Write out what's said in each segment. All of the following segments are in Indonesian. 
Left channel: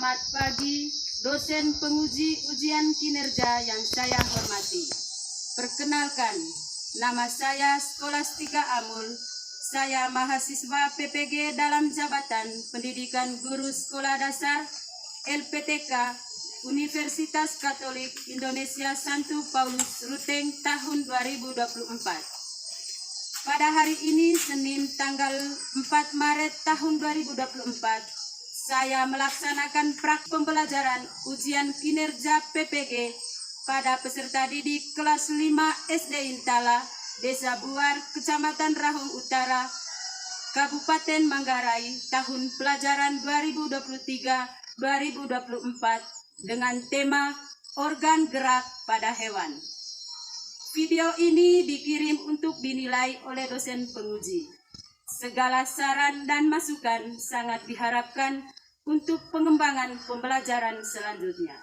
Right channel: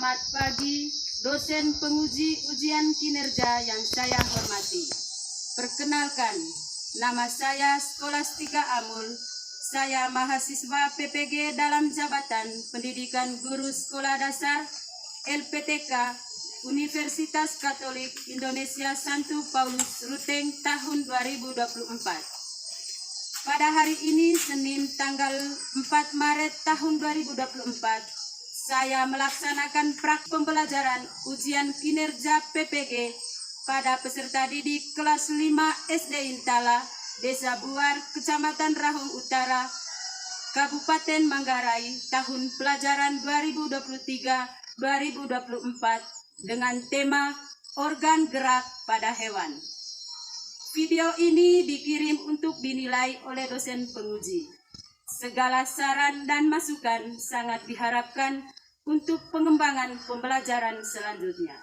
Selamat pagi, dosen penguji ujian kinerja yang saya hormati. Perkenalkan, nama saya Skolastika Amul. Saya mahasiswa PPG dalam jabatan Pendidikan Guru Sekolah Dasar LPTK Universitas Katolik Indonesia Santo Paulus Ruteng tahun 2024. Pada hari ini, Senin tanggal 4 Maret tahun 2024, saya melaksanakan pembelajaran ujian kinerja PPG pada peserta didik kelas 5 SD Intala, Desa Buar, Kecamatan Rahung Utara, Kabupaten Manggarai, tahun pelajaran 2023-2024 dengan tema organ gerak pada hewan. Video ini dikirim untuk dinilai oleh dosen penguji. Segala saran dan masukan sangat diharapkan untuk pengembangan pembelajaran selanjutnya.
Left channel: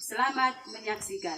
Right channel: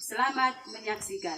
Selamat menyaksikan.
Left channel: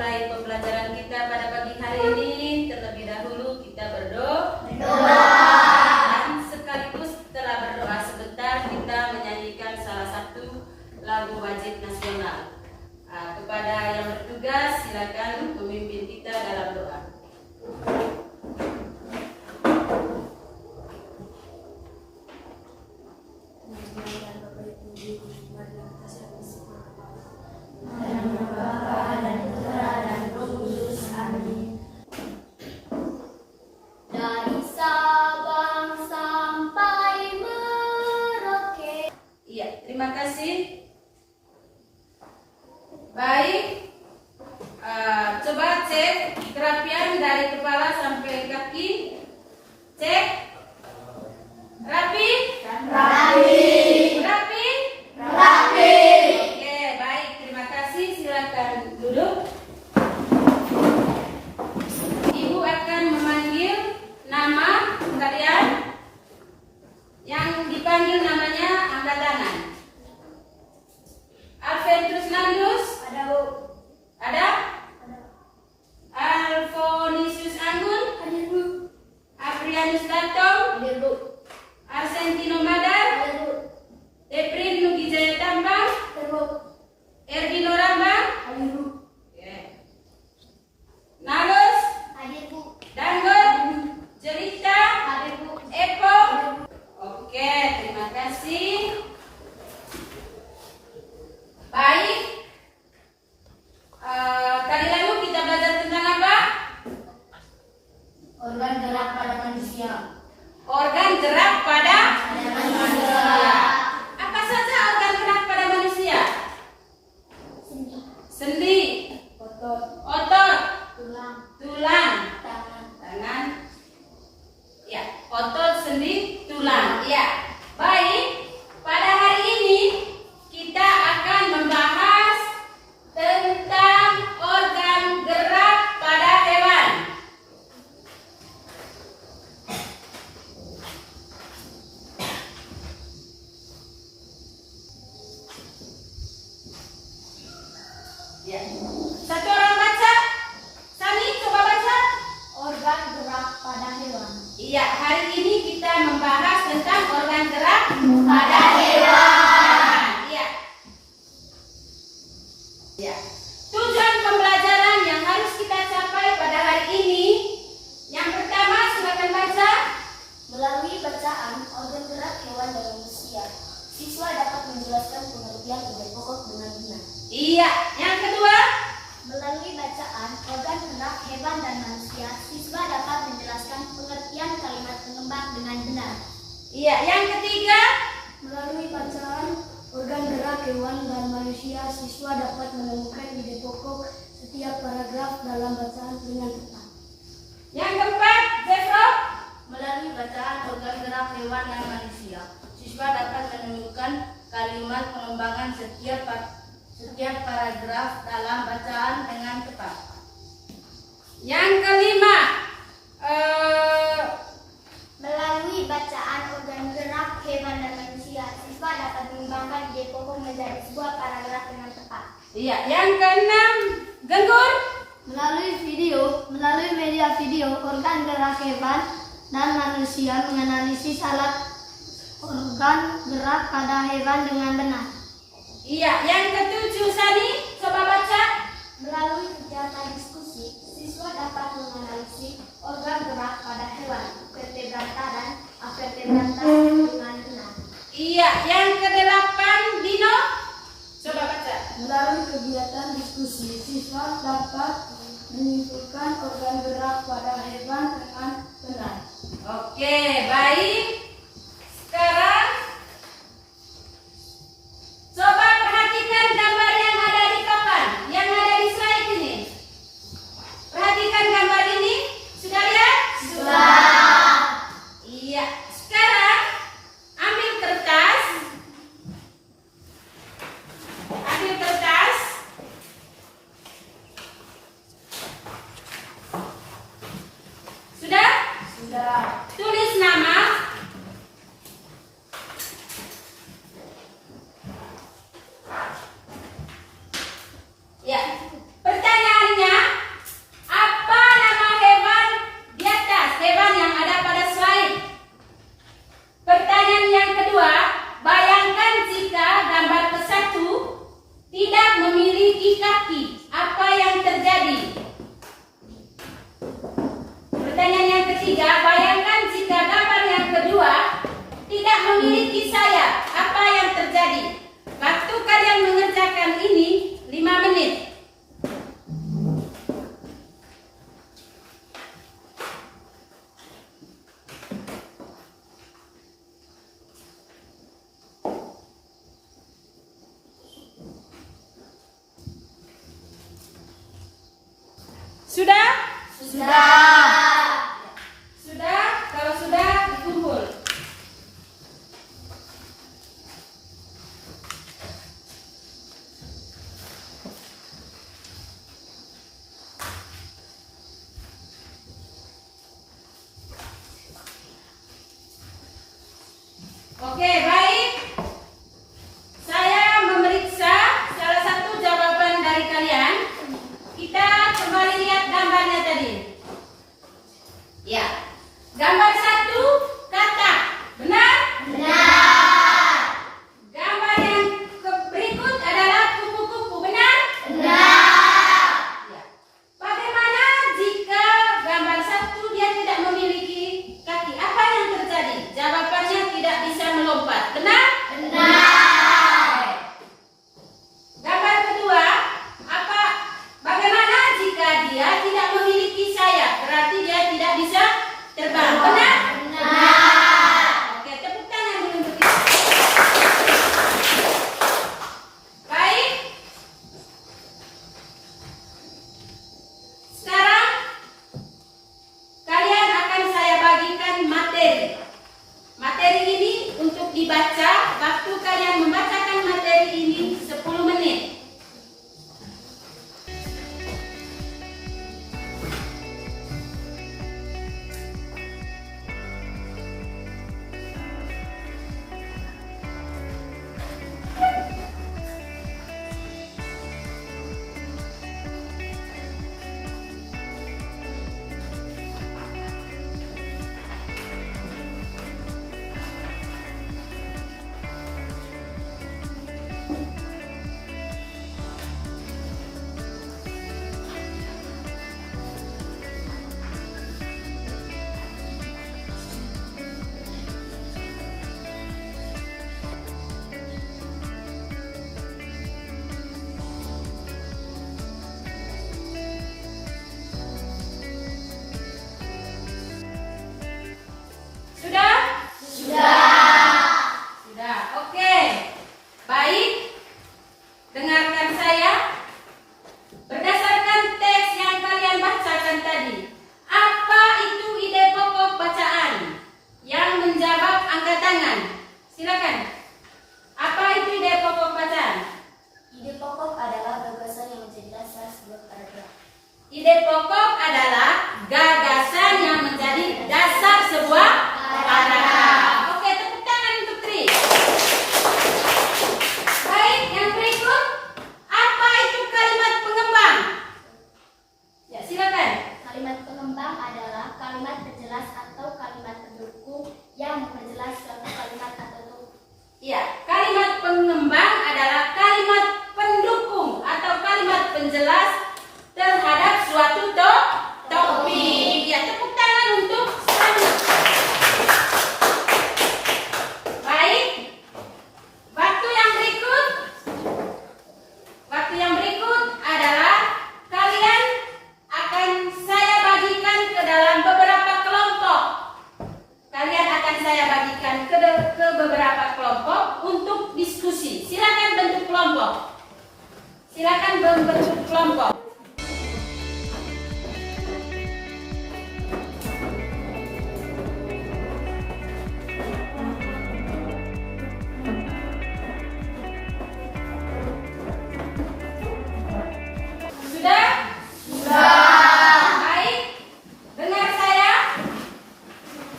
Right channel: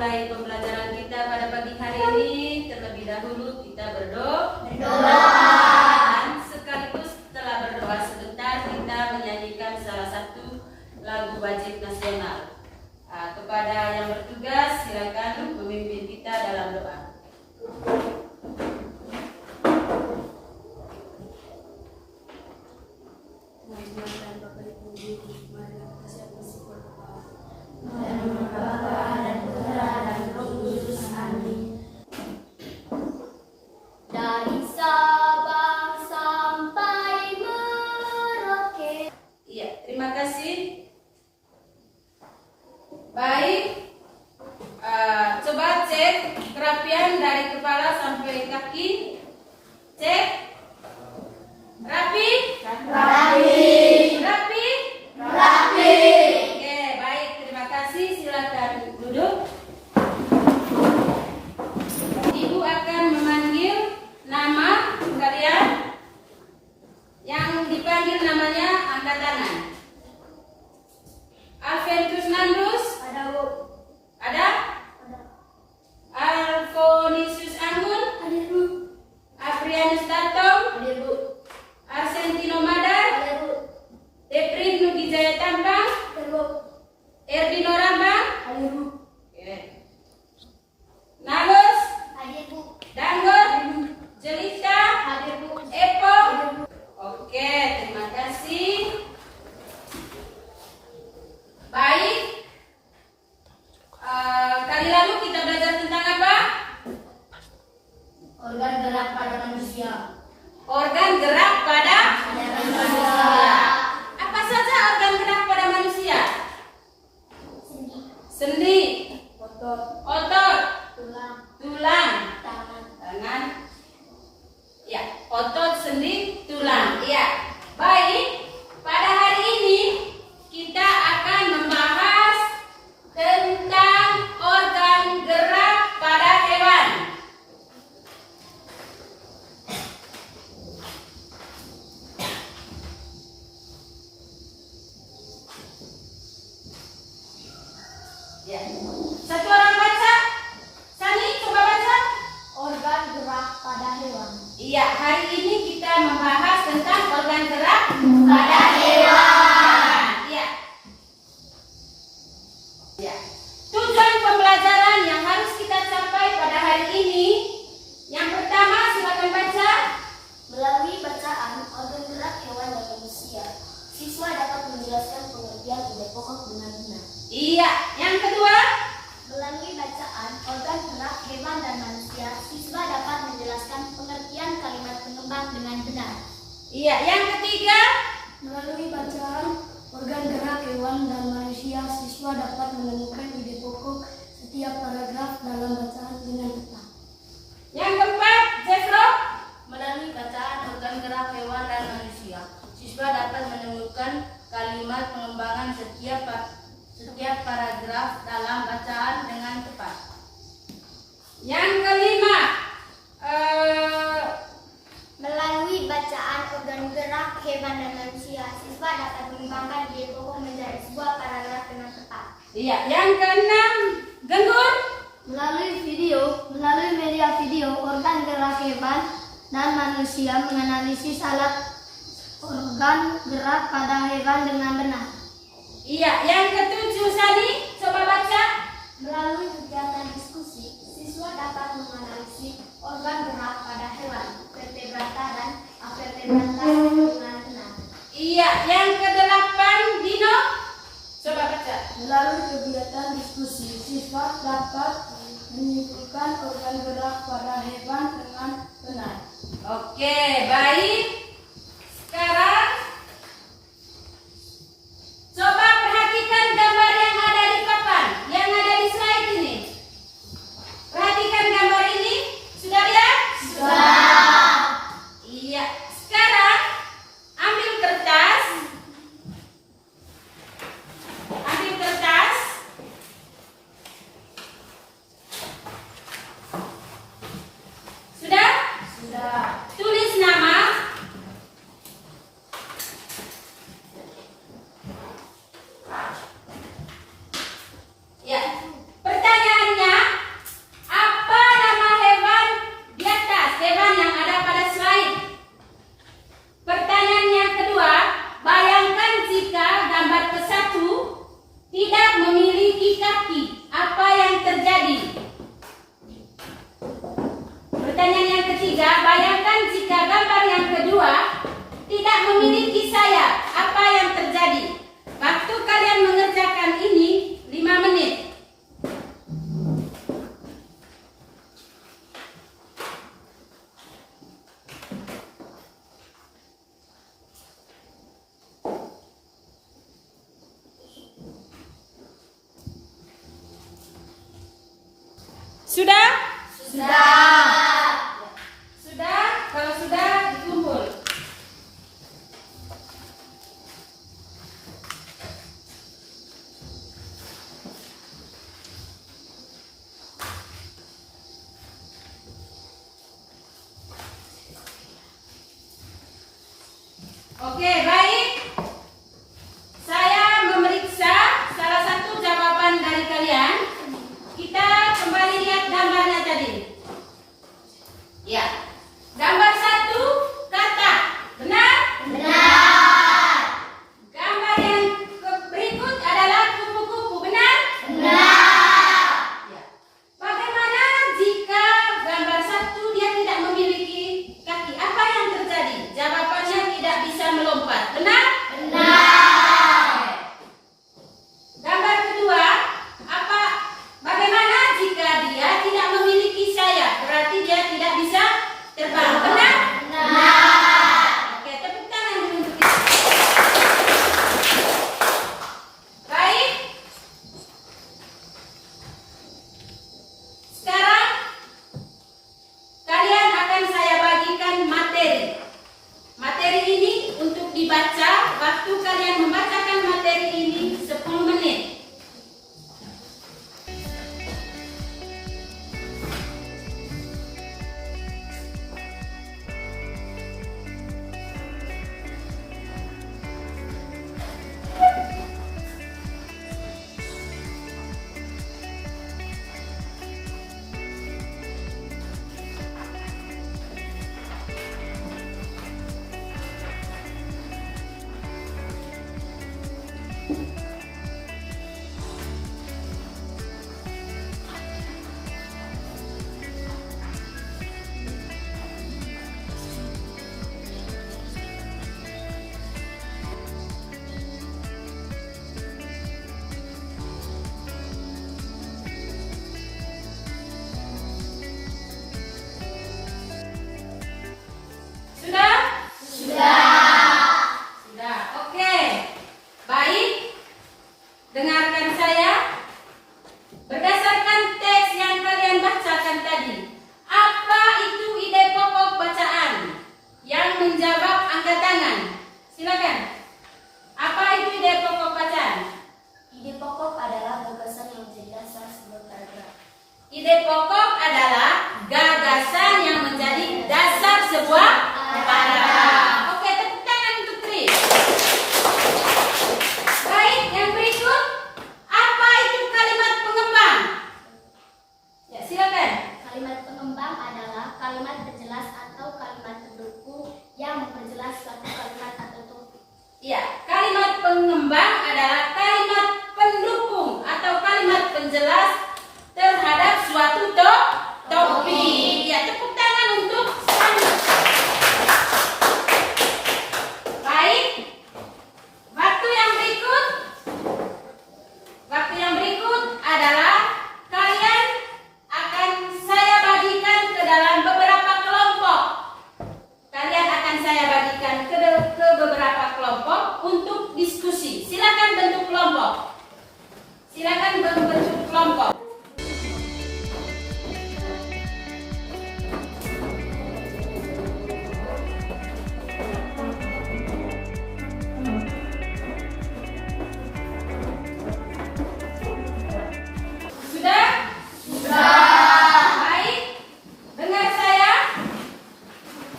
Pembelajaran kita pada pagi hari ini, terlebih dahulu kita berdoa dan sekaligus setelah berdoa sebentar kita menyanyikan salah satu lagu wajib nasional. Kepada yang bertugas silakan memimpin kita dalam doa. Dari Sabang sampai Merauke. Iya, terima kasih. Baik, coba cek kerapian dari kepala sampai kaki. Cek. Rapi? Rapi. Rapi? Rapi. Oke, baik, terima kasih. Silakan duduk. Ibu akan memanggil nama kalian. Yang dipanggil namanya angkat tangan. Alventus Nandus? Ada, Bu. Ada? Alfonisius Anggun? Ada, Bu. Aprianus Tatong? Ada, Bu. Arsentino Madar? Ada, Bu. Deprin Nugijaya Tambang? Ada, Bu. Erdino Rambang? Ada, Bu. Oke. Nalos? Ada, Bu. Dangot? Jelita? Ada, Bu. Epo? Ada, Bu. Oke, terima kasih. Baik. Tadi lalu kita belajar tentang apa? Organ gerak pada manusia. Organ gerak pada Manusia. apa saja organ gerak pada manusia? Sendi, otot, Tulang. tulang, Tangan. tangan. Ya, otot, sendi, tulang. Ya. Baik. Pada hari ini kita akan membahas tentang organ gerak pada hewan. Ya. Satu orang baca. Sani, coba baca. Organ gerak pada hewan. Iya, hari ini kita membahas tentang organ gerak Pada hewan. Iya. Ya. Tujuan pembelajaran yang harus kita capai pada hari ini, yang pertama silakan baca. Melalui bacaan organ gerak hewan dan manusia, siswa dapat menjelaskan pengertian ide pokok dengan benar. Iya. Yang kedua, Melalui bacaan organ gerak hewan dan manusia, siswa dapat menjelaskan pengertian kalimat pengembang dengan benar. iya. Yang ketiga, Melalui bacaan organ gerak hewan dan manusia, siswa dapat menemukan ide pokok setiap paragraf dalam bacaan dengan tepat. Yang kelima, Melalui bacaan organ gerak hewan dan manusia, siswa dapat mengembangkan ide pokok menjadi sebuah paragraf dengan tepat. iya. Yang keenam, Genggur. Melalui media video, organ gerak hewan dan manusia menganalisis alat organ gerak pada hewan dengan benar. Iya. Yang ketujuh, Sani, coba baca. Melalui kegiatan diskusi, siswa dapat menganalisis organ gerak pada hewan, vertebrata dan avertebrata dengan benar. Iya. Yang kedelapan, Dino, coba baca. Melalui kegiatan diskusi, siswa dapat menyimpulkan organ gerak pada hewan dengan benar. Oke, baik. Sekarang coba perhatikan gambar yang ada di papan, yang ada di slide ini. Perhatikan gambar ini. Sudah lihat? Sudah. Iya. Sekarang ambil kertas. Ambil kertas. Sudah? Sudah. Tulis nama. Ya. Pertanyaannya, apa nama hewan di atas? Hewan yang ada pada slide. Pertanyaan yang kedua, bayangkan jika gambar ke-1 tidak memiliki kaki, apa yang terjadi? Pertanyaan yang ketiga, bayangkan jika gambar yang kedua tidak memiliki sayap, apa yang terjadi? Waktu kalian mengerjakan ini 5 menit. Sudah? Sudah. Sudah? Kalau sudah, dikumpul. Oke, baik. Saya memeriksa salah satu jawaban dari kalian. Kita kembali lihat gambarnya tadi. Ide pokok adalah gagasan yang menjadi dasar sebuah paragraf. Oke, tepuk tangan untuk Tri. Baik, yang berikut, apa itu kalimat pengembang? Ya, silakan. Kalimat pengembang adalah kalimat penjelas atau kalimat pendukung yang memperjelas suatu kalimat atau topik. Ya, kalimat pengembang adalah kalimat pendukung atau kalimat penjelas terhadap suatu topik. Ya, tepuk tangan untuk Sandra. Baik. Waktu yang berikut adalah kalian akan saya bagikan ke dalam beberapa kelompok. Kalian akan saya bagikan ke beberapa kelompok untuk diskusi. Silakan bentuk kelompok. Silakan membentuk kelompok. Sudah? Baik. Dengar saya.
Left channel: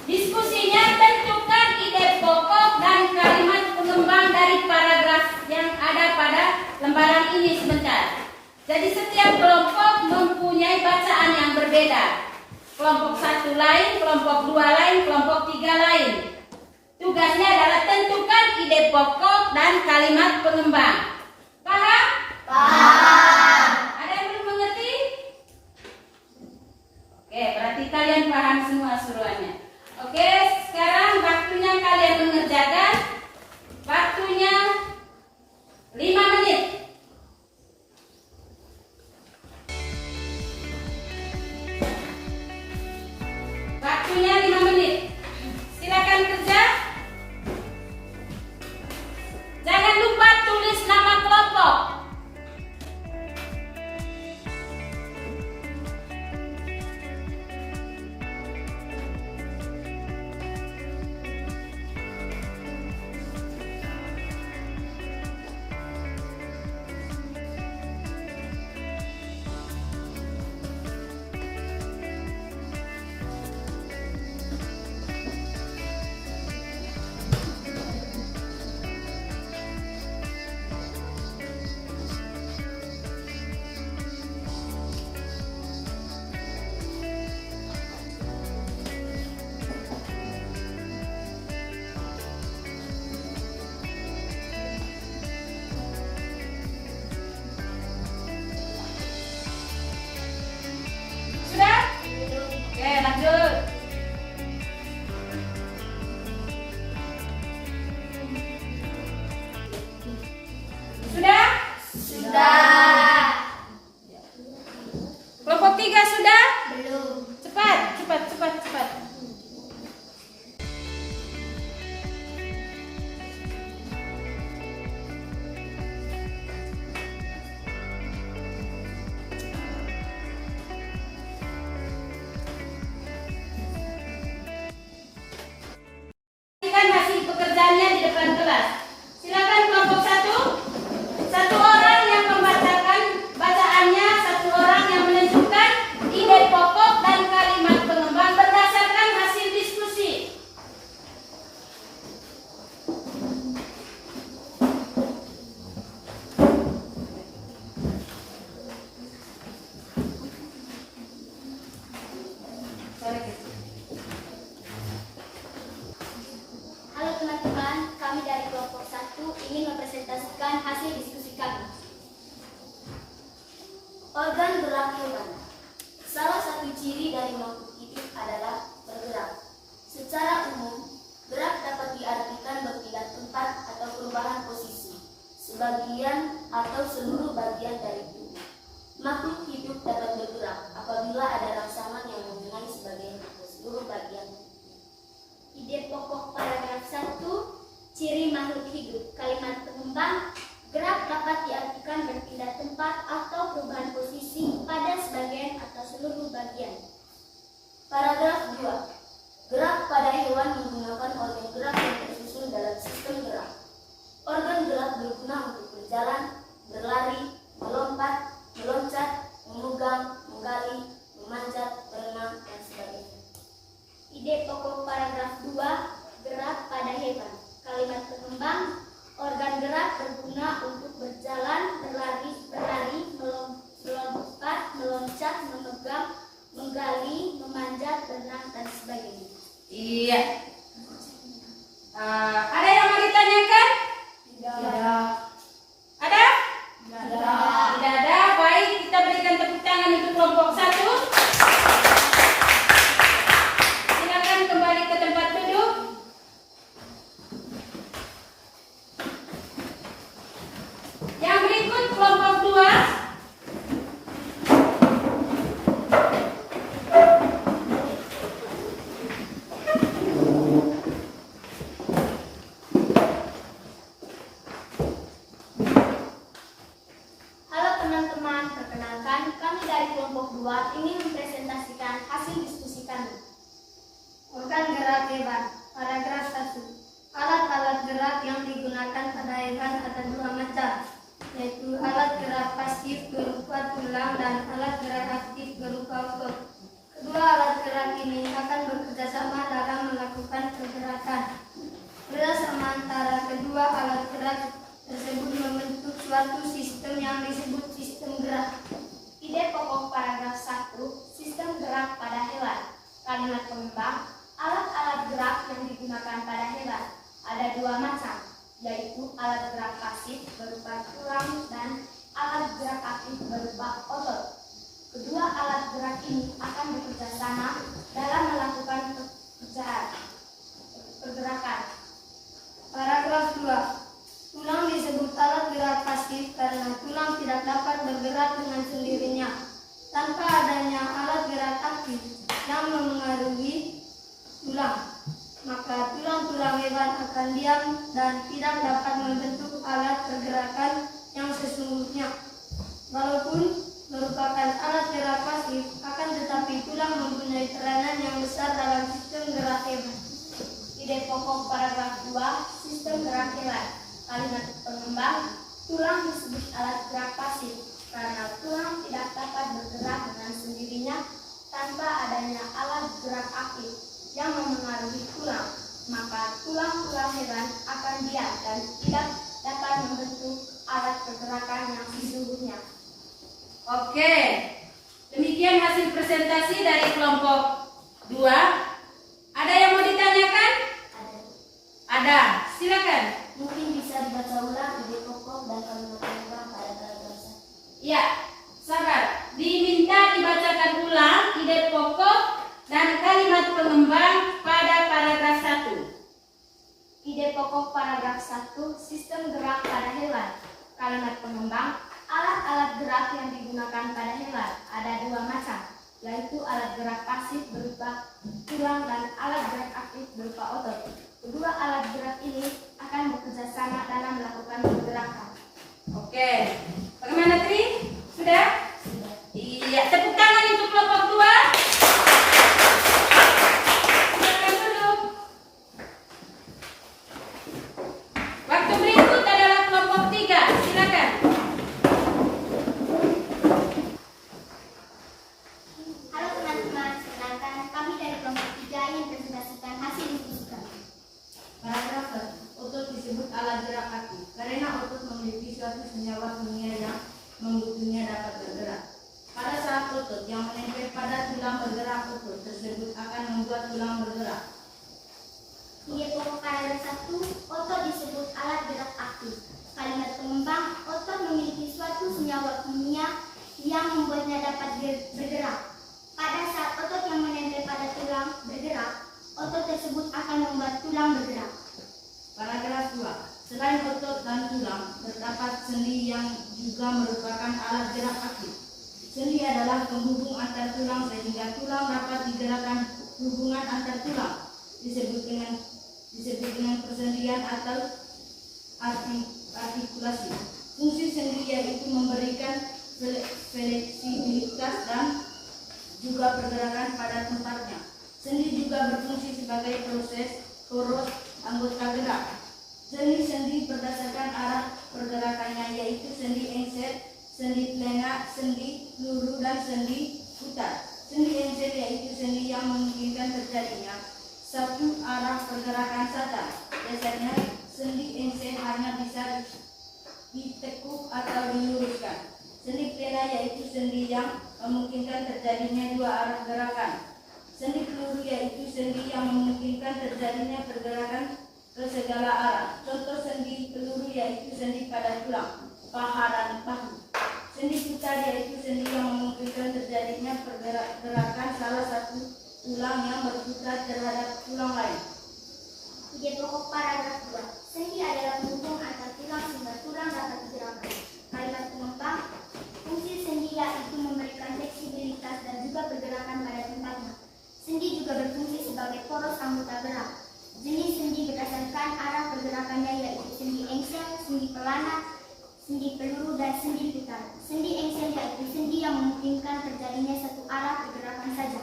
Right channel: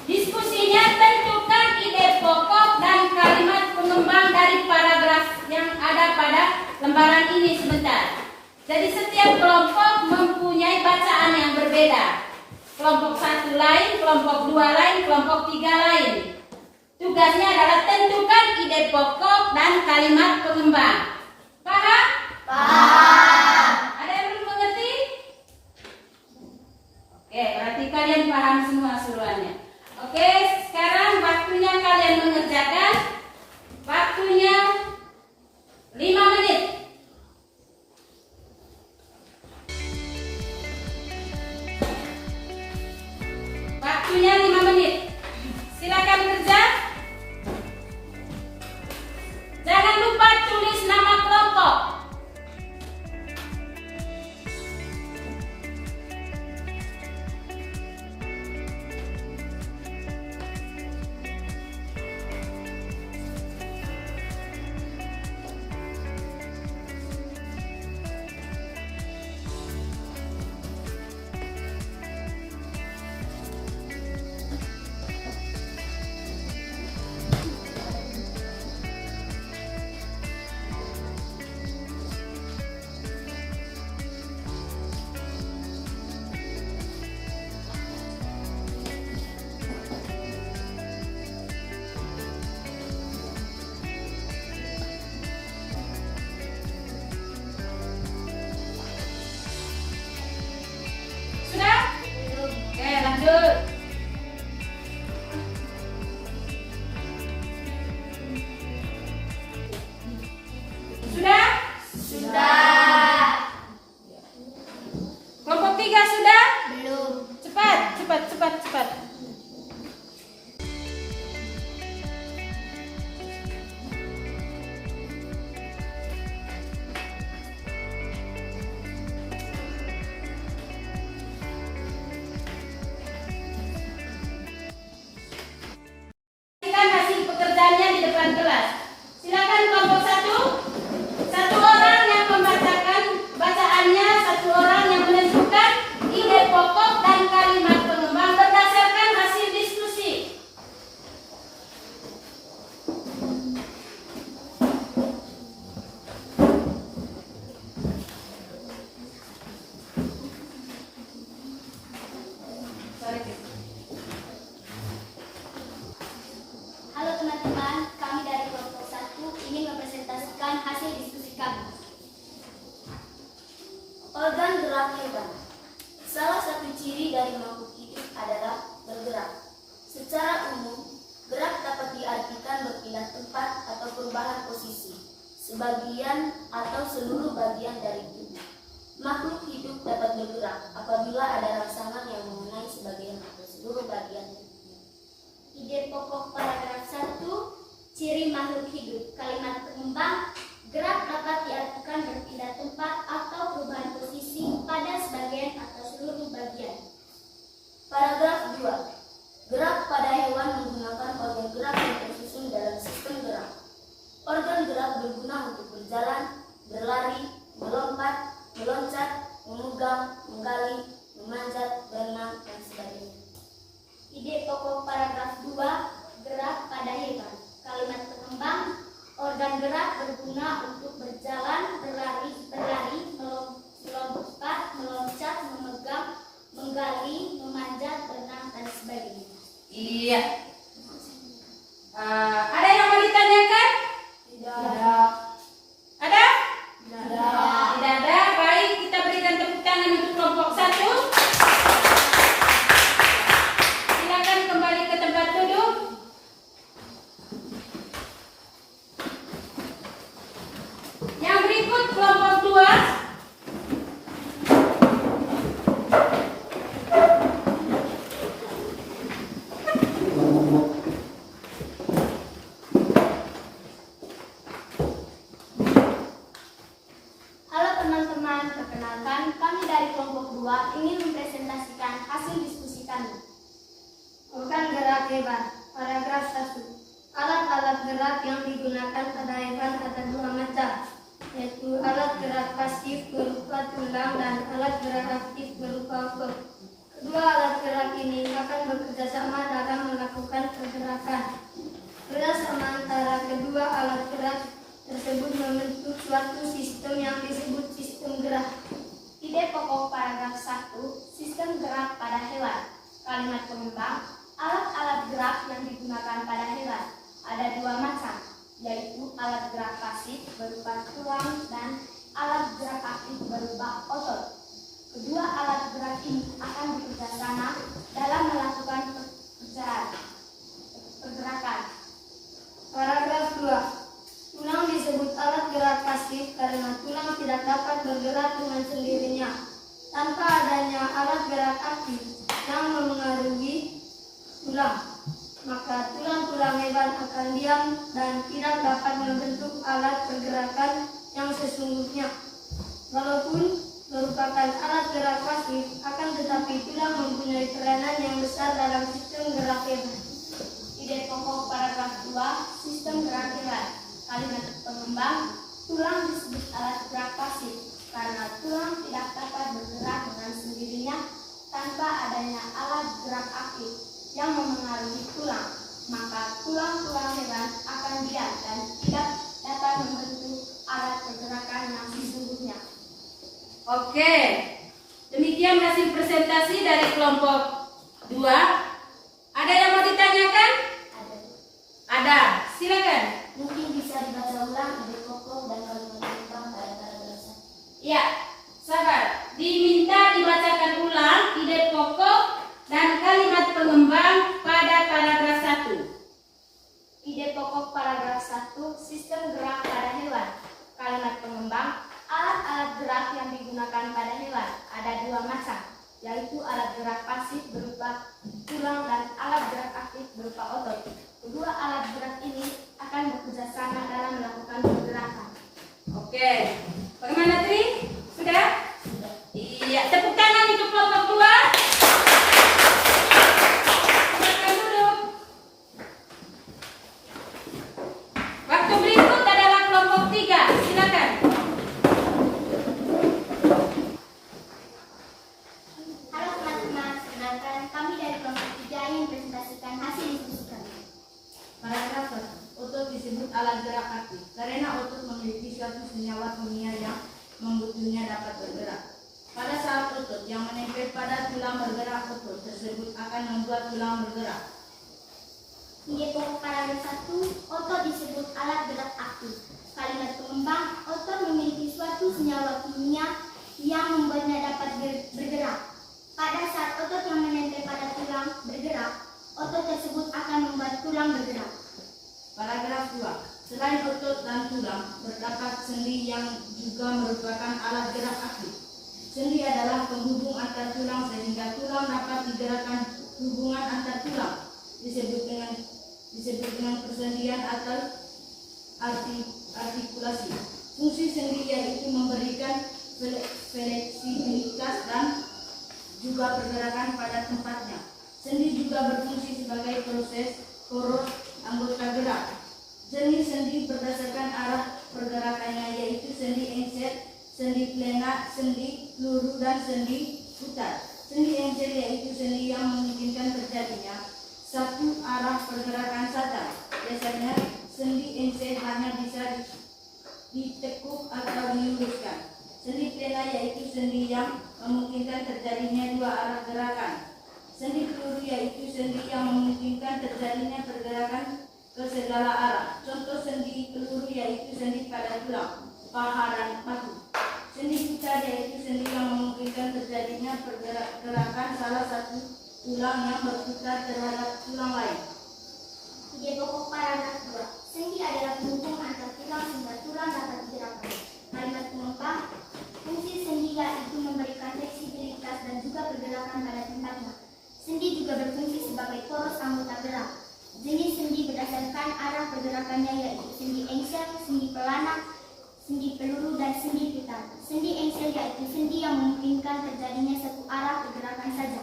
Diskusinya tentukan ide pokok dan kalimat pengembang dari paragraf yang ada pada lembaran ini sebentar. Jadi setiap kelompok mempunyai bacaan yang berbeda. Kelompok 1 lain, kelompok 2 lain, kelompok 3 lain. Tugasnya adalah tentukan ide pokok dan kalimat pengembang. Paham? Ada yang belum mengerti? Oke, berarti kalian paham semua suruhannya. Oke, sekarang waktunya kalian mengerjakan. Waktunya 5 menit. Waktunya 5 menit. Silakan kerja. Jangan lupa tulis nama kelompok. Sudah? Oke, lanjut. Sudah? Kelompok 3 sudah? Belum. Cepat. Berikan hasil pekerjaannya di depan kelas. Silakan kelompok 1. Satu orang yang membacakan bacaannya, satu orang yang menentukan ide pokok dan kalimat pengembang berdasarkan hasil diskusi. Halo teman-teman, kami dari kelompok 1 ingin mempresentasikan hasil diskusi kami. Organ gerak hewan. Salah satu ciri dari makhluk hidup adalah bergerak. Secara umum, gerak dapat diartikan berpindah tempat atau perubahan posisi, sebagian atau seluruh bagian dari tubuh. Makhluk hidup dapat bergerak apabila ada rangsangan yang mengenai sebagian atau seluruh bagian tubuh. Ide pokok paragraf 1, ciri makhluk hidup. Kalimat pengembang, gerak dapat diartikan berpindah tempat atau perubahan posisi pada sebagian atau seluruh bagian. Paragraf 2, gerak pada hewan menggunakan organ gerak yang tersusun dalam sistem gerak. Organ gerak berguna untuk berjalan, berlari, melompat, meloncat, memegang, menggali, meloncat, memegang, menggali, memanjat, berenang, dan sebagainya. Iya. Ada yang mau ditanyakan? Tidak. Ada? Tidak. Tidak ada. Baik, kita berikan tepuk tangan untuk kelompok 1. Silakan kembali ke tempat duduk. Yang berikut kelompok 2. Halo teman-teman, perkenalkan kami dari kelompok 2 ingin mempresentasikan hasil diskusi kami. Organ gerak hewan. Paragraf 1. Alat-alat gerak yang digunakan pada hewan ada dua macam, yaitu alat gerak pasif berupa tulang dan alat gerak aktif berupa otot. Kedua alat gerak ini akan bekerja sama dalam melakukan pergerakan. Kerjasama antara kedua alat gerak tersebut membentuk suatu sistem yang disebut sistem gerak. Ide pokok paragraf 1, sistem gerak pada hewan. Kalimat pengembang, alat-alat gerak yang digunakan pada hewan ada dua macam, yaitu alat gerak pasif berupa tulang dan alat gerak aktif berupa otot. Kedua alat gerak ini akan bekerja sama dalam melakukan pergerakan. Paragraf 2. Tulang disebut alat gerak pasif karena tulang tidak dapat bergerak dengan sendirinya tanpa adanya alat gerak aktif yang memengaruhi tulang. Maka tulang-tulang hewan akan diam dan tidak dapat membentuk alat pergerakan yang sesungguhnya. Walaupun merupakan alat gerak pasif, akan tetapi tulang mempunyai peranan yang besar dalam sistem gerak hewan. Ide pokok paragraf 2, sistem gerak hewan. Kalimat pengembang, tulang disebut alat gerak pasif karena tulang tidak dapat bergerak dengan sendirinya tanpa adanya alat gerak aktif yang memengaruhi tulang. Maka tulang-tulang hewan akan diam dan tidak dapat membentuk alat pergerakan yang sesungguhnya. Oke. Demikian hasil presentasi dari kelompok 2. Ada yang mau ditanyakan? Ada. Silakan. Mungkin bisa dibaca ulang ide pokok dan kalimat pengembang pada paragraf 1. Ya, sabar. Diminta dibacakan ulang ide pokok dan kalimat pengembang pada paragraf 1. Ide pokok paragraf 1, sistem gerak pada hewan. Kalimat pengembang, alat-alat gerak yang digunakan pada hewan ada dua macam, yaitu alat gerak pasif berupa tulang dan alat gerak aktif berupa otot. Kedua alat gerak ini akan bekerja sama dalam melakukan pergerakan. Oke. Bagaimana Tri? Sudah? Sudah. Iya, tepuk tangan untuk kelompok 2. Silakan duduk. Waktu berikut adalah kelompok 3. Silakan. Halo teman-teman, perkenalkan kami dari kelompok 3 ingin presentasikan hasil diskusi kami. Paragraf 1. Otot disebut alat gerak aktif karena otot memiliki suatu senyawa kimia yang membuatnya dapat bergerak. Pada saat otot yang menempel pada tulang bergerak, otot tersebut akan membuat tulang bergerak. Ide pokok paragraf 1, otot disebut alat gerak aktif. Kalimat pengembang, otot memiliki suatu senyawa kimia yang membuatnya dapat bergerak. Pada saat otot yang menempel pada tulang bergerak, otot tersebut akan membuat tulang bergerak. Paragraf 2. Selain otot dan tulang, terdapat sendi yang juga merupakan alat gerak aktif. Sendi adalah penghubung antar tulang sehingga tulang dapat digerakkan. Hubungan antar tulang disebut dengan persendian atau artikulasi. Fungsi sendi yaitu memberikan fleksibilitas dan juga pergerakan pada tempatnya. Sendi juga berfungsi sebagai poros anggota gerak. Sendi-sendi berdasarkan arah pergerakannya yaitu sendi encet, sendi plana, sendi peluru, dan sendi putar. Sendi encet yaitu sendi yang memungkinkan terjadinya satu arah pergerakan saja. Biasanya sendi encet hanya bisa ditekuk atau diluruskan. Sendi pena yaitu sendi yang memungkinkan terjadinya dua arah gerakan. Sendi peluru yaitu sendi yang memungkinkan terjadinya pergerakan ke segala arah. Contoh sendi peluru yaitu sendi pada tulang, paha, dan bahu. Sendi putar yaitu sendi yang memungkinkan terjadinya pergerakan salah satu tulang yang berputar terhadap tulang lain. Ide pokok paragraf 2. Sendi adalah penghubung antar tulang sehingga tulang dapat digerakkan. Kalimat penopang. Fungsi sendi yaitu memberikan fleksibilitas dan juga pergerakan pada tempatnya. Sendi juga berfungsi sebagai poros anggota gerak. Jenis sendi berdasarkan arah pergerakannya yaitu sendi engsel, sendi pelana, sendi peluru, dan sendi putar. Sendi engsel yaitu sendi yang memungkinkan terjadinya satu arah pergerakan saja.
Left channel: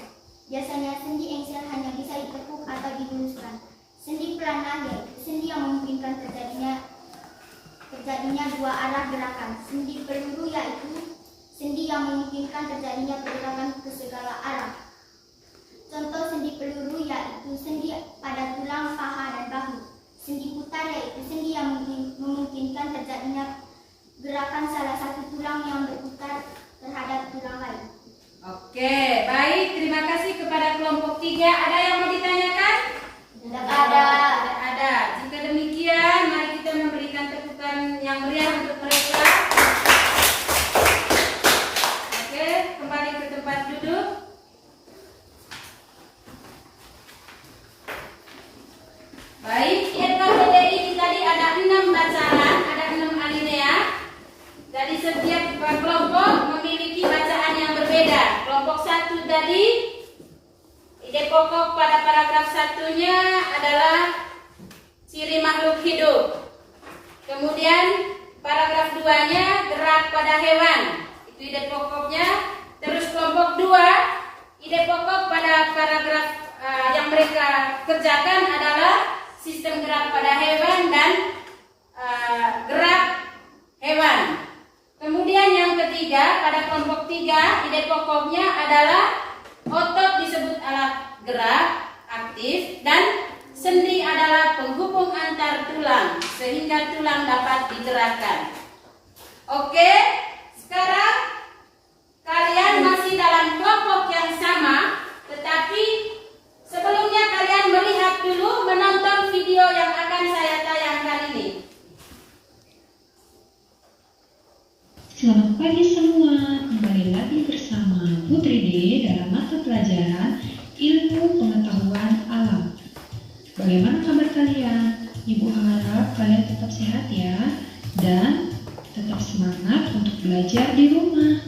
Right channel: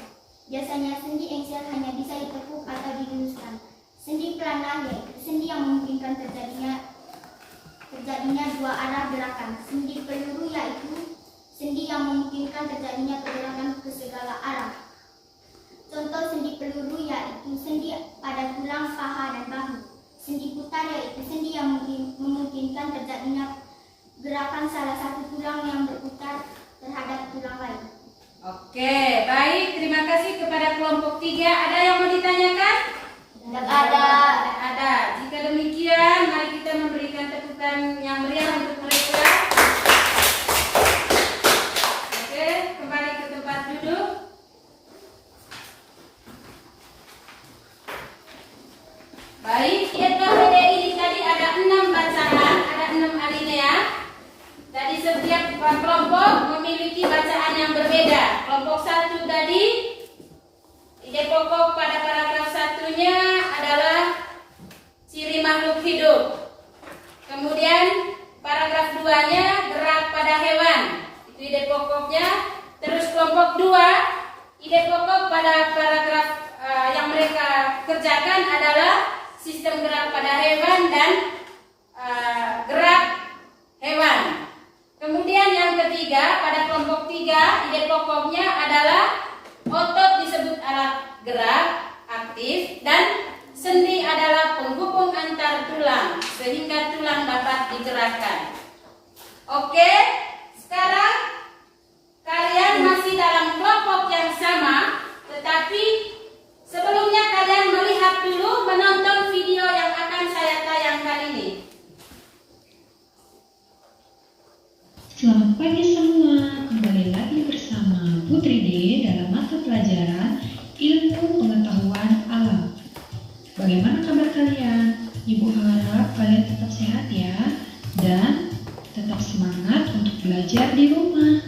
Biasanya sendi engsel hanya bisa ditekuk atau diluruskan. Sendi pelana yaitu sendi yang memungkinkan terjadinya dua arah gerakan. Sendi peluru yaitu sendi yang memungkinkan terjadinya pergerakan ke segala arah. Contoh sendi peluru yaitu sendi pada tulang, paha, dan bahu. Sendi putar yaitu sendi yang memungkinkan terjadinya gerakan salah satu tulang yang berputar terhadap tulang lain. Oke, baik. Terima kasih kepada kelompok 3. Ada yang mau ditanyakan? Tidak ada. Tidak ada. Jika demikian, mari kita memberikan tepukan yang meriah untuk mereka. Oke, kembali ke tempat duduk. Baik, IPKBD ini tadi ada 6 bacaan, ada 6 alinea. Jadi setiap kelompok memiliki bacaan yang berbeda. Kelompok 1 tadi, ide pokok pada paragraf 1-nya adalah ciri makhluk hidup. Kemudian paragraf 2-nya gerak pada hewan. Itu ide pokoknya. Terus kelompok 2, ide pokok pada paragraf yang mereka kerjakan adalah sistem gerak pada hewan dan gerak hewan. Kemudian yang ketiga, pada kelompok 3, ide pokoknya adalah otot disebut alat gerak aktif dan sendi adalah penghubung antar tulang sehingga tulang dapat digerakkan. Oke, sekarang kalian masih dalam kelompok yang sama, tetapi sebelumnya kalian melihat dulu, menonton video yang akan saya tayangkan ini. Selamat pagi semua, kembali lagi bersama Putri D dalam mata pelajaran Ilmu Pengetahuan Alam. Bagaimana kabar kalian? Ibu harap kalian tetap sehat ya, dan tetap semangat untuk belajar di rumah.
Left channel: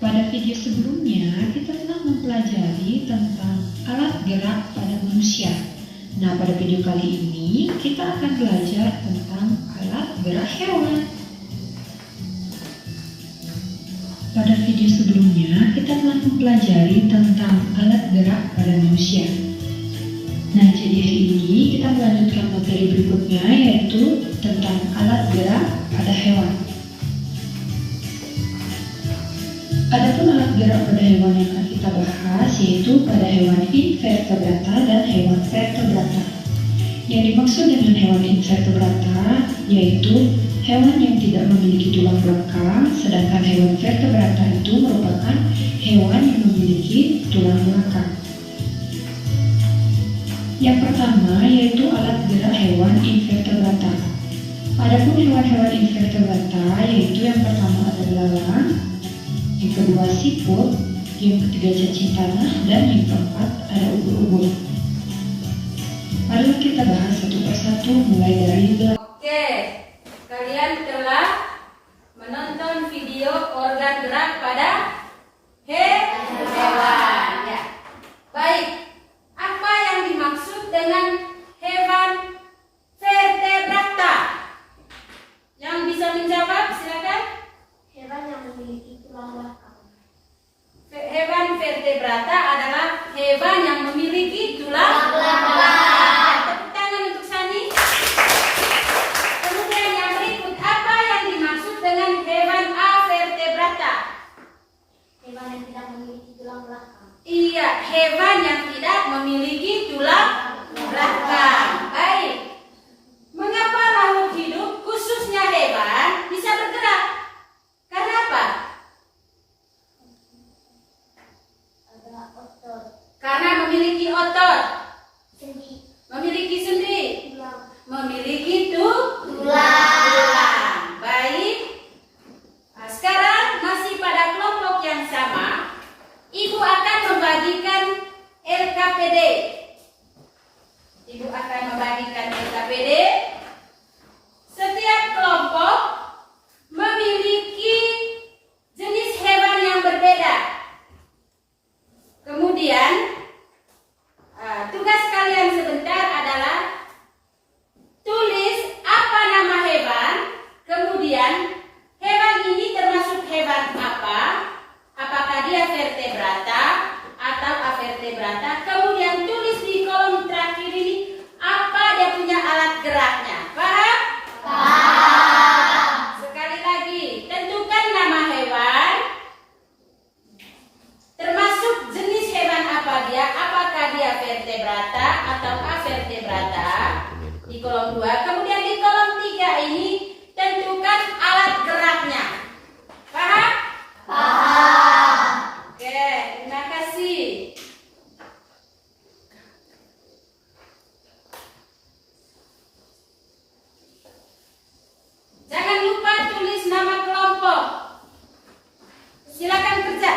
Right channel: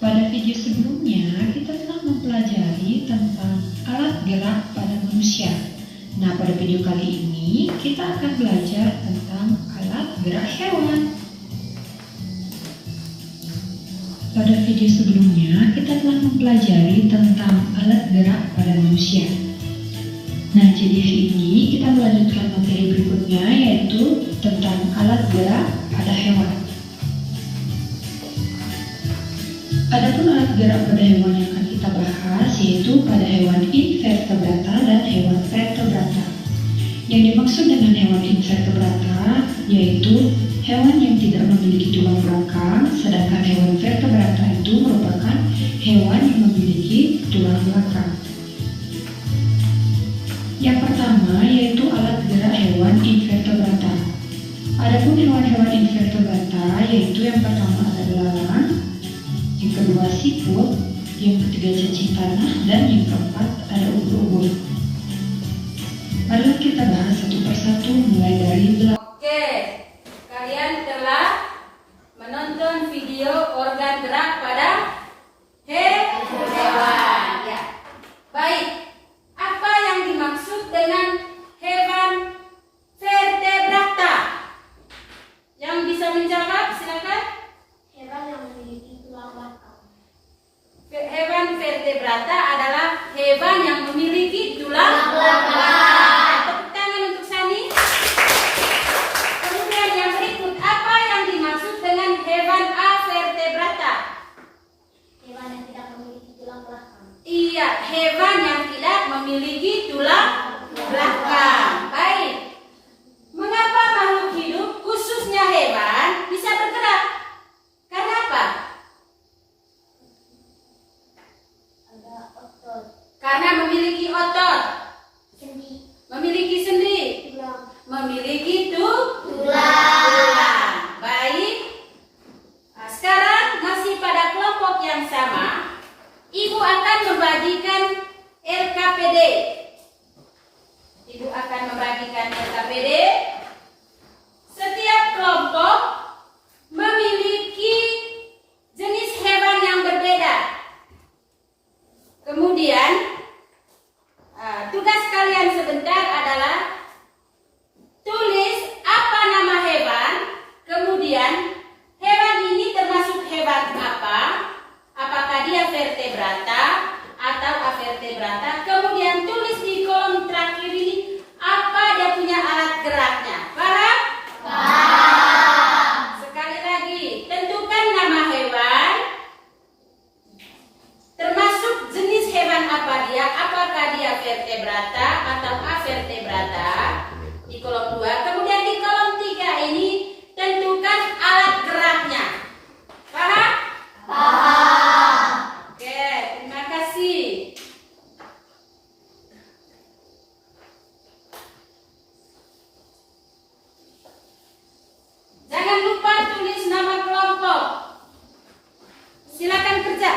Pada video sebelumnya, kita telah mempelajari tentang alat gerak pada manusia. Nah, pada video kali ini, kita akan belajar tentang alat gerak hewan. Pada video sebelumnya, kita telah mempelajari tentang alat gerak pada manusia. Nah, jadi hari ini kita melanjutkan materi berikutnya, yaitu tentang alat gerak pada hewan. Adapun alat gerak pada hewan yang akan kita bahas, yaitu pada hewan invertebrata dan hewan vertebrata. Yang dimaksud dengan hewan invertebrata, yaitu hewan yang tidak memiliki tulang belakang, sedangkan hewan vertebrata itu merupakan hewan yang memiliki tulang belakang. Yang pertama yaitu alat gerak hewan invertebrata. Adapun hewan-hewan invertebrata yaitu yang pertama ada belalang, yang kedua siput, yang ketiga cacing tanah, dan yang keempat ada ubur-ubur. Mari kita bahas satu persatu mulai dari belalang. Oke, kalian telah menonton video organ gerak pada hewan. Ya. Baik, apa yang dimaksud dengan hewan vertebrata? Yang bisa menjawab, silakan. Hewan yang memiliki tulang belakang. Hewan vertebrata adalah hewan yang memiliki tulang belakang. Tepuk tangan untuk Sani. Kemudian yang berikut, apa yang dimaksud dengan hewan avertebrata? Hewan yang tidak memiliki tulang belakang. Iya, hewan yang tidak memiliki tulang belakang. Baik. Mengapa makhluk hidup, khususnya hewan, bisa bergerak? vertebrata. Kemudian tulis di kolom terakhir ini apa dia punya alat geraknya. Paham? Sekali lagi, tentukan nama hewan, termasuk jenis hewan apa dia, apakah dia vertebrata atau avertebrata di kolom 2. Kemudian di kolom 3 ini tentukan alat geraknya. Paham? Oke, terima kasih. Jangan lupa tulis nama kelompok. Silakan kerja.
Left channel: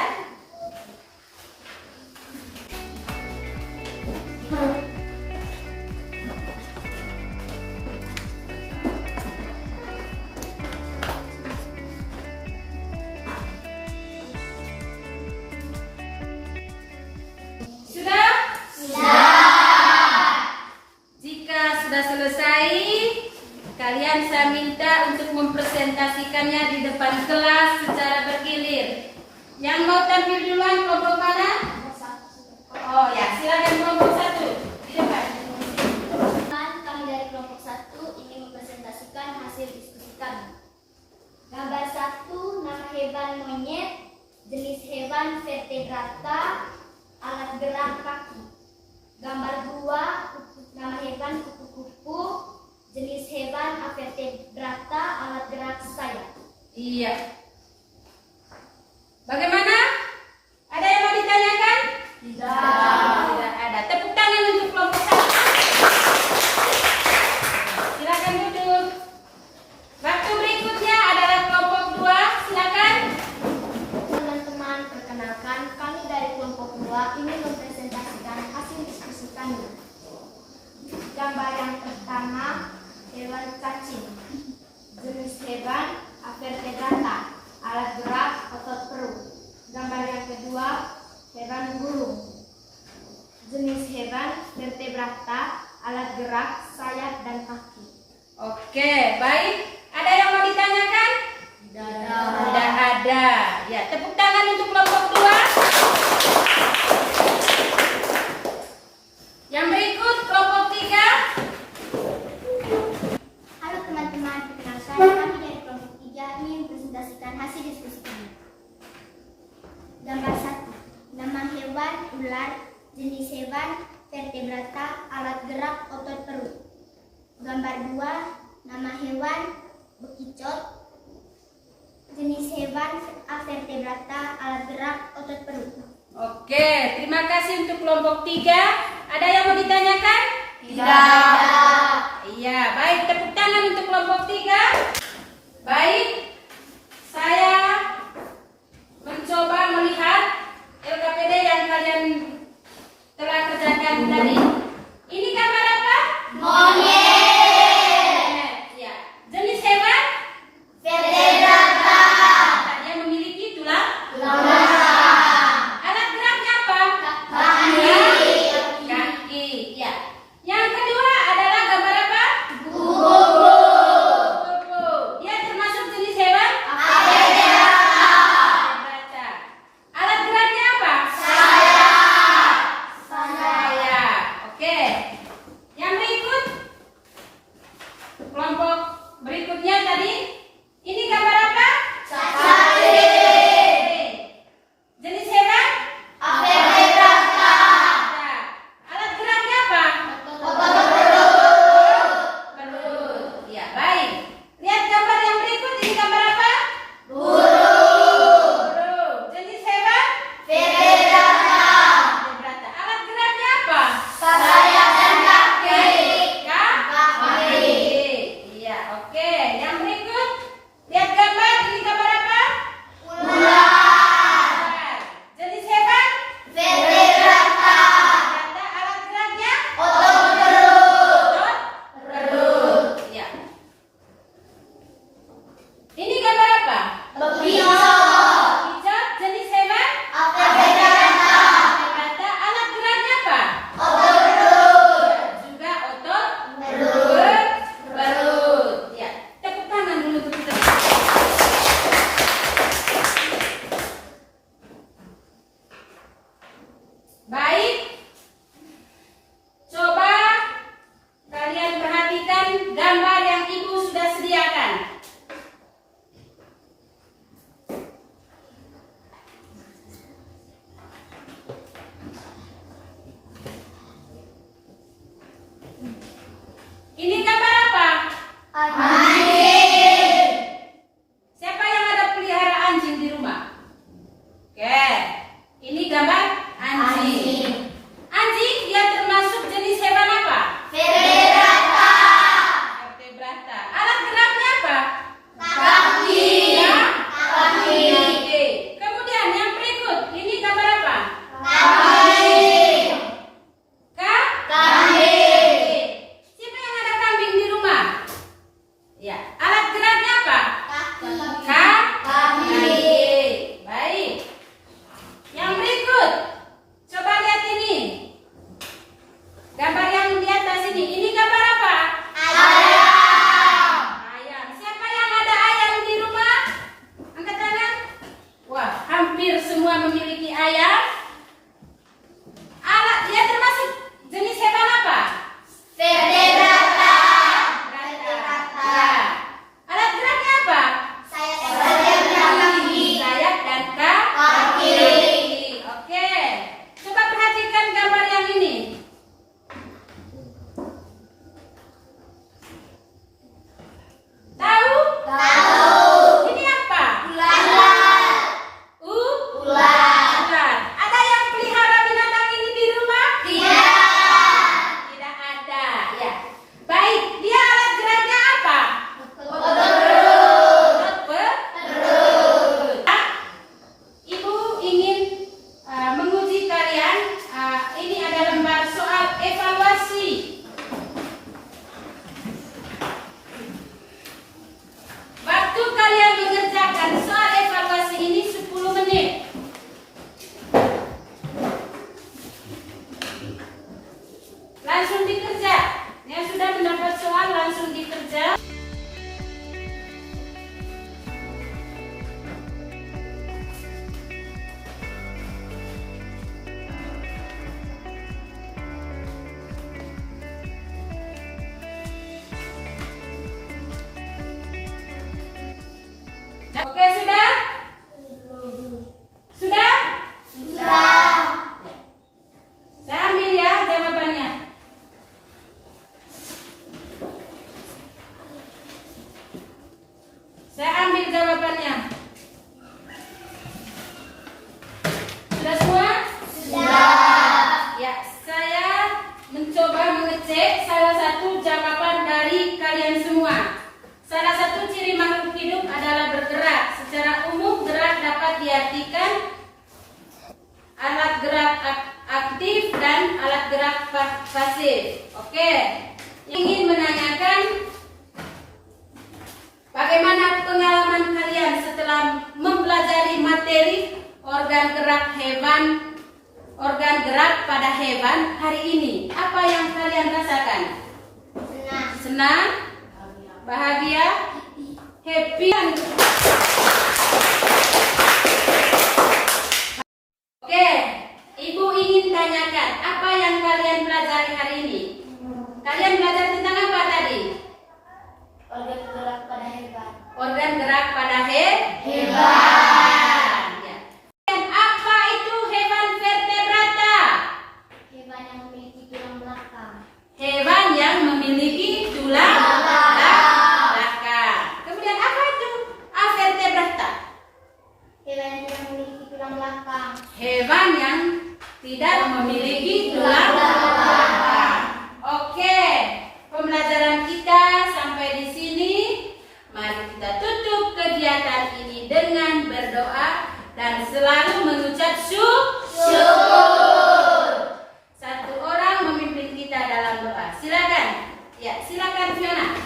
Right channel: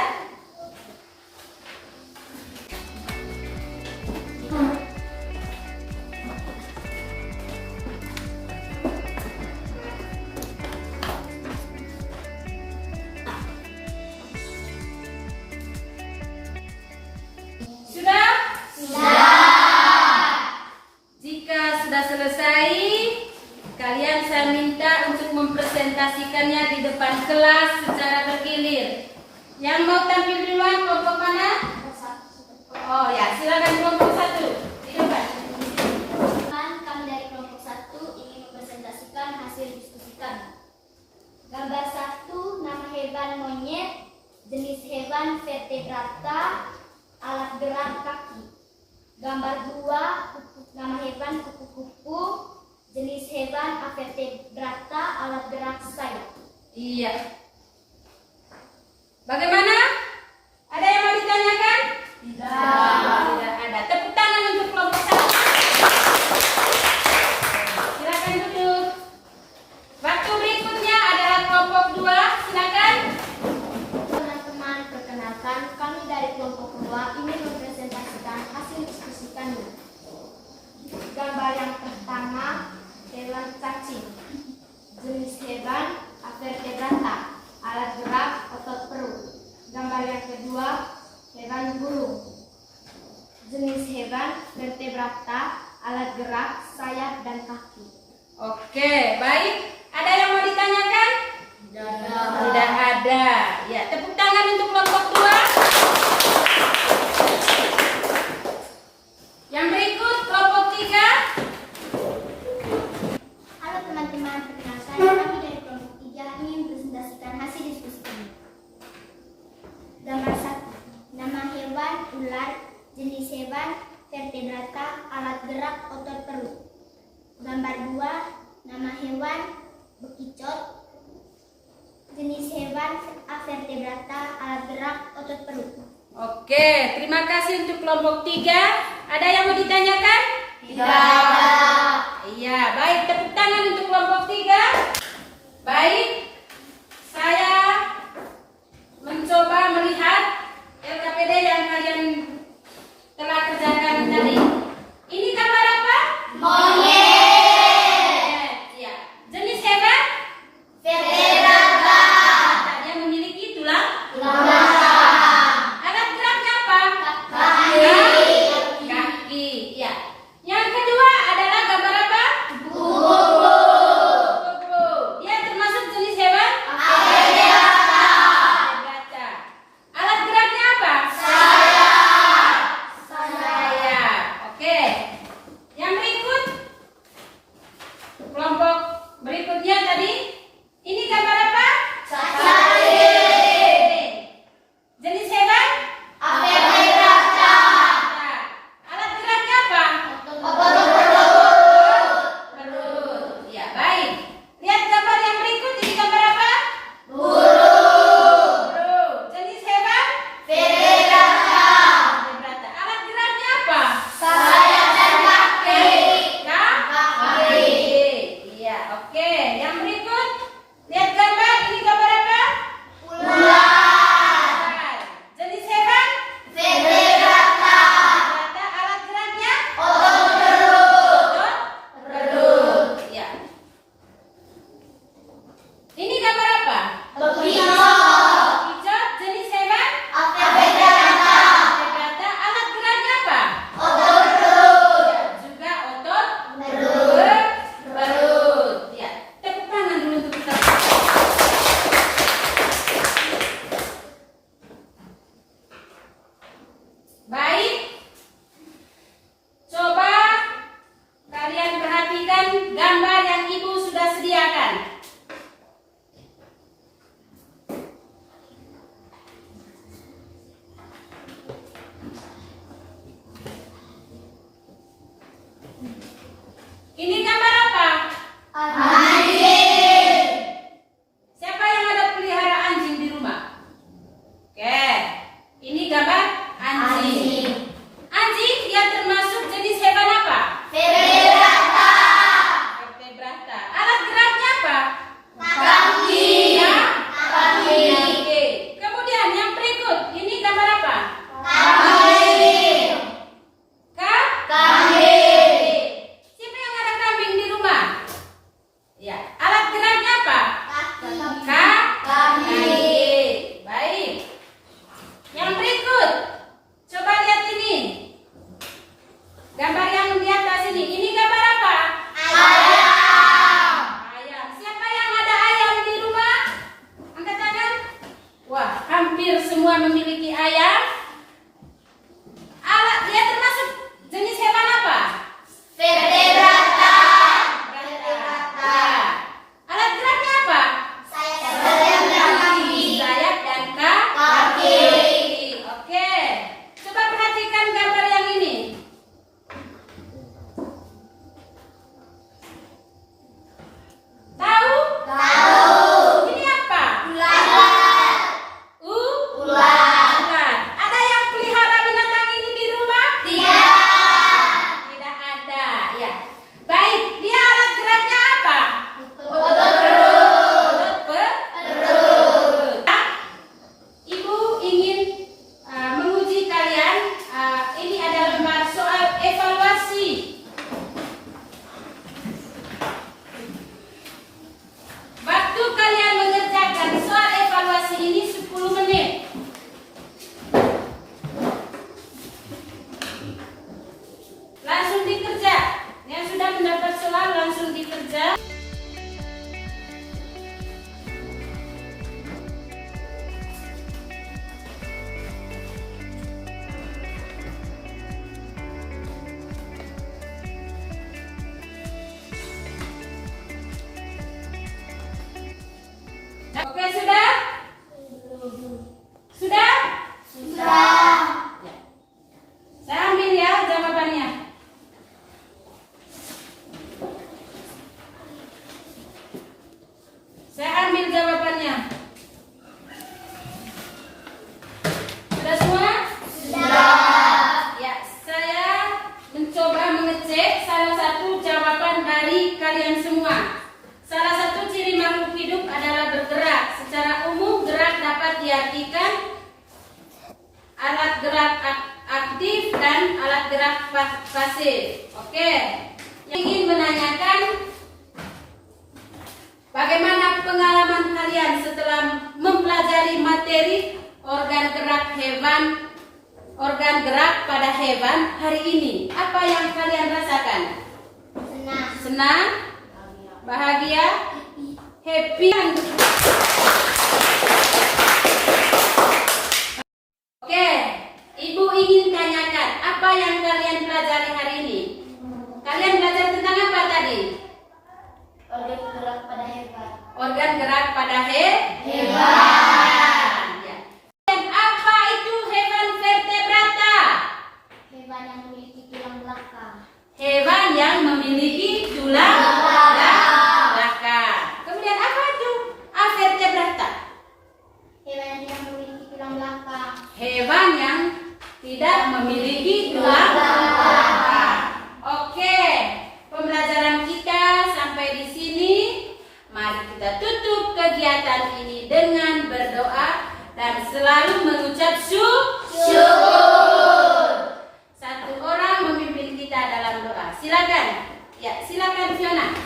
Sudah? Jika sudah selesai, kalian saya minta untuk mempresentasikannya di depan kelas secara bergilir. Yang mau tampil duluan kelompok mana? Oh ya, silakan kelompok 1 di depan. Kami dari kelompok 1 ingin mempresentasikan hasil diskusi kami. Gambar 1, nama hewan monyet, jenis hewan vertebrata, alat gerak kaki. Gambar 2, nama hewan kupu-kupu, jenis hewan avertebrata, alat gerak sayap. Iya. Bagaimana? Ada yang mau ditanyakan? Tidak ada. Tepuk tangan untuk kelompok 1. Silakan duduk. Waktu berikutnya adalah kelompok 2. Silakan. Teman-teman, perkenalkan kami dari kelompok 2 ingin mempresentasikan hasil diskusi kami. Gambar yang pertama, hewan cacing, jenis hewan avertebrata, alat gerak otot perut. Gambar yang kedua, hewan burung, jenis hewan vertebrata, alat gerak sayap dan kaki. Oke, baik. Ada yang mau ditanyakan? Tidak ada. Ya, tepuk tangan untuk kelompok 2. Yang berikut kelompok 3. Halo teman-teman, perkenalkan kami dari kelompok 3 ingin mempresentasikan hasil diskusi kami. Gambar 1, nama hewan ular, jenis hewan vertebrata, alat gerak otot perut. Gambar 2, nama hewan bekicot, jenis hewan avertebrata, alat gerak otot perut. Oke, terima kasih untuk kelompok 3. Ada yang mau ditanyakan? Tidak ada. Iya, baik. Tepuk tangan untuk kelompok 3. Baik, saya mencoba melihat LKPD yang kalian telah kerjakan tadi. Ini gambar apa? Monyet. Ya. Jenis hewan? Vertebrata. Dia memiliki tulang. Tulang. Alat geraknya apa? Kaki. Kaki. Ya. Yang kedua adalah gambar apa? Kupu. Kupu. Dia termasuk jenis gambar anjing. Anjing dia termasuk jenis hewan apa? Vertebrata. Alat geraknya apa? Kaki. Ya? Kaki. Oke. Kemudian yang berikut, ini gambar apa? Kambing. Kambing. Siapa yang ada kambing di rumah? Ya. Alat geraknya apa? Kaki. Baik. Yang berikut, coba lihat ini. Gambar yang di atas ini. Ini gambar apa? Ayam. Siapa yang ada ayam di rumah? Angkat tangan. Wah, hampir semua memiliki ayam. Alat dia termasuk jenis hewan apa? Vertebrata. Ya. Alat geraknya apa? Sayap dan kaki. Oke. Coba perhatikan gambar yang ini. Tahu? Ini apa? Ular. Ada yang pelihara binatang ini di rumah? Tidak ada. Ya. Baik. Dia alat geraknya apa? Perut. Ibu ingin menguji kalian. Ini ada lembar soal evaluasi. Waktu kalian mengerjakan soal evaluasi ini 10 menit. Langsung dikerja. Yang sudah mendapat soal langsung dikerja. Oke, sudah? Sudah? Saya ambil ya jawabannya. Saya ambil jawabannya. Sudah semua? Ya, saya mencoba mengecek salah satu jawaban dari kalian semua. Salah satu ciri makhluk hidup adalah bergerak. Secara umum, gerak dapat diartikan alat gerak aktif dan alat gerak pasif. Oke. Yang ingin menanyakan, bagaimana pengalaman kalian setelah mempelajari materi organ gerak pada hewan hari ini? Apa yang kalian rasakan? Senang? Bahagia? Happy? Oke, Ibu ingin tanyakan, apa yang kalian pelajari hari ini? Kalian belajar tentang apa tadi? Organ gerak pada hewan. Organ gerak pada hewan. Ya. Dan apa itu hewan vertebrata? Hewan yang memiliki tulang belakang. Hewan yang memiliki tulang belakang. Kemudian apa itu avertebrata? Hewan yang memiliki tulang belakang. Hewan yang tidak memiliki tulang belakang. Oke, pembelajaran kita sampai di sini. Mari kita tutup kegiatan ini dengan berdoa dan selalu mengucap syukur. Satu orang memimpin kita dalam doa. Silakan. Ya, silakan Fiona.